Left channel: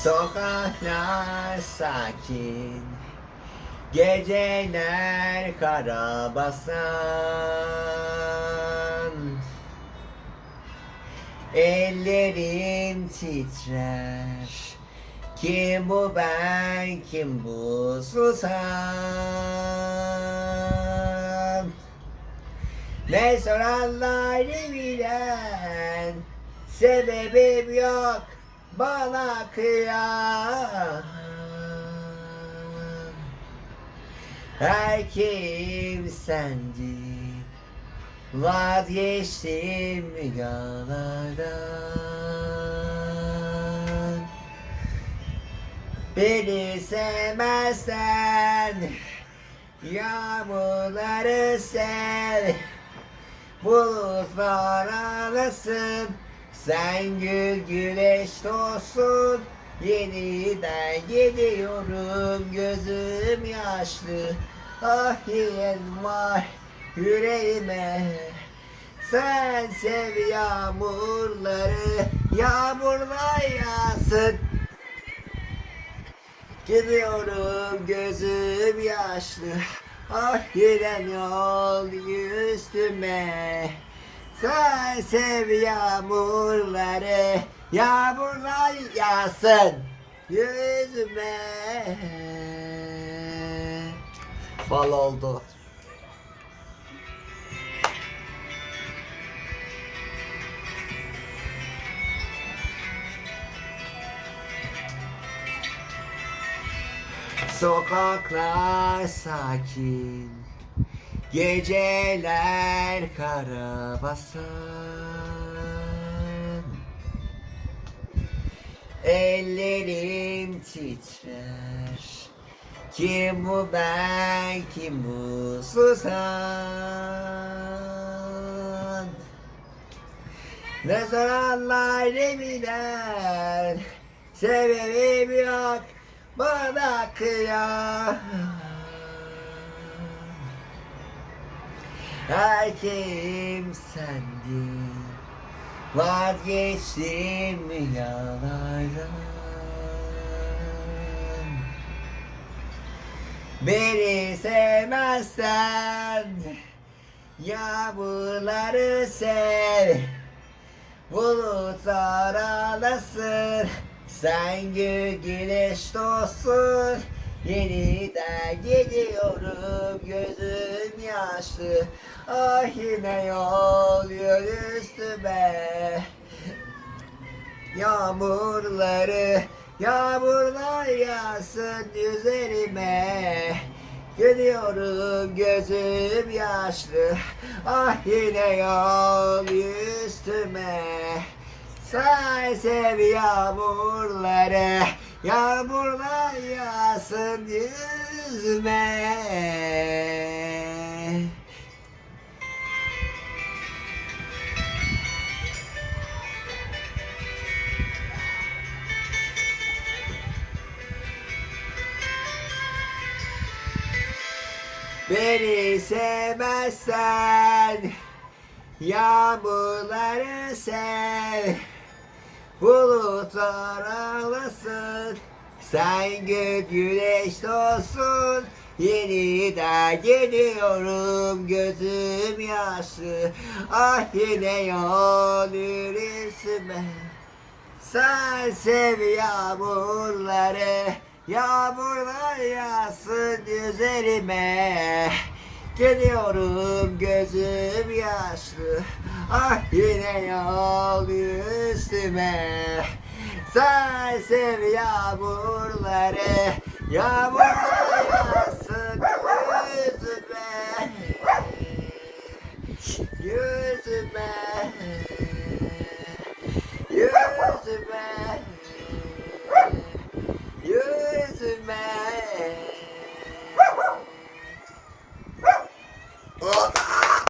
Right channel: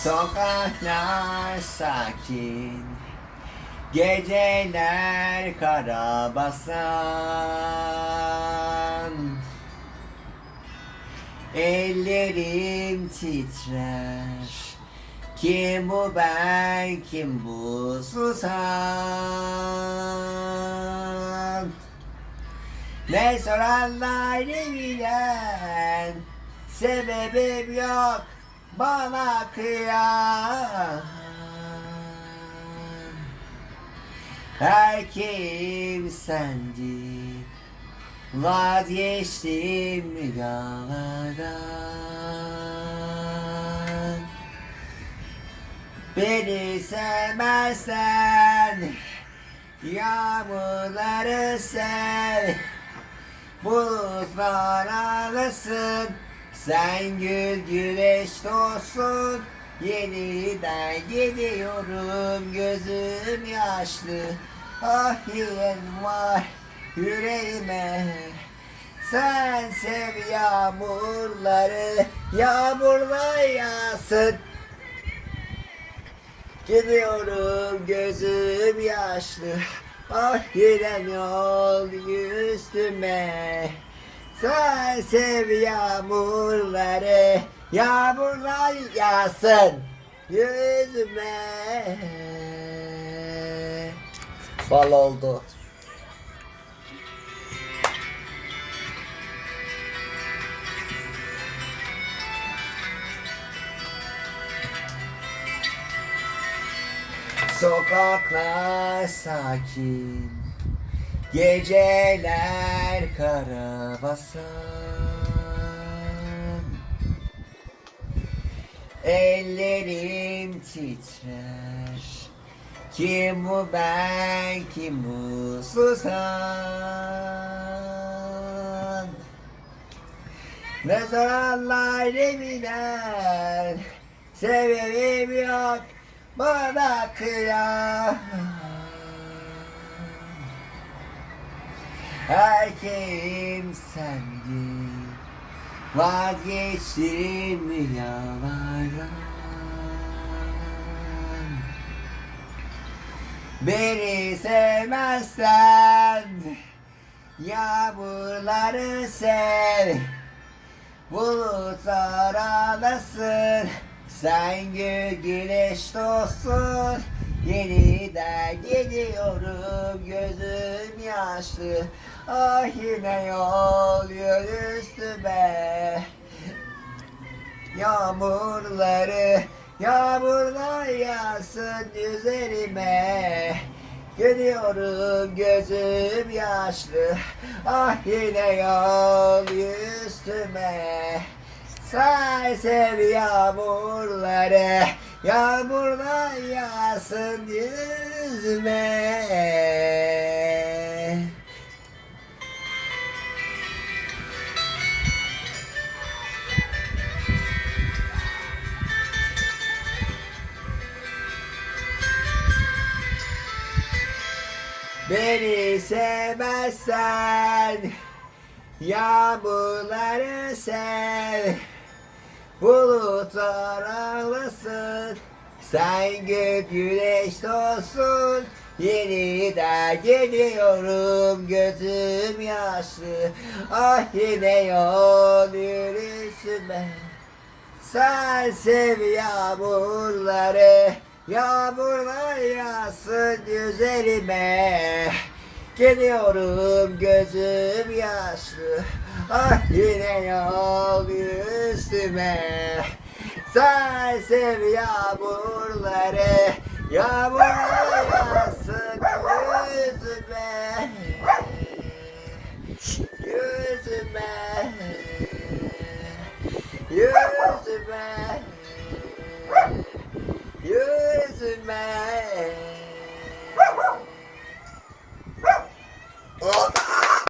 Sokaklar sakin Geceler kara basan Ellerim titrer Kim bu ben kim bu susan Ne soranlar ne bilen Sebebim yok bana kıyan Her kim sendi. Vazgeçtim rüyalardan Beni sevmezsen Yağmurları sev Bulutlar arasın Sen gül güneş olsun Yeniden gidiyorum gözüm yaşlı. Ah yeğen var yüreğime Sen sev yağmurları Yağmurlar yağsın. Gidiyorum gözüm yaşlı Ah yüreğim yol üstüme Sen sev yağmurları Yağmurlar yağsın. Yüzüme Bal oldu. Sokaklar sakin Geceler kara basan. Ellerim titrer. Kim bu ben kim bu susan Ne soranlar ne bilen Sebebim yok bana kıyan Her kim sendin Vazgeçtim rüyalardan Beni sevmezsen Yağmurları sev. Bulutlar ağlasın Sen gül güneş dostsun. Yeniden gidiyorum gözüm yaşlı Ah yine yol üstüme. Yağmurları Yağmurlar yağsın üzerime. Gidiyorum gözüm yaşlı. Ah yine yol üstüme. Say sev yağmurları Yağmurlar yağsın yüzüme Beni sevmezsen Yağmurları sev. Bulutlar ağlasın Sen gül güneş olsun Yeniden gidiyorum gözüm yaşlı. Ah yine yol yürüsüme Sen sev yağmurları Yağmurlar yağsın üzerime. Gidiyorum gözüm yaşlı. Ah yine yol üstüme. Sen sev yağmurları. Yağmurlar man.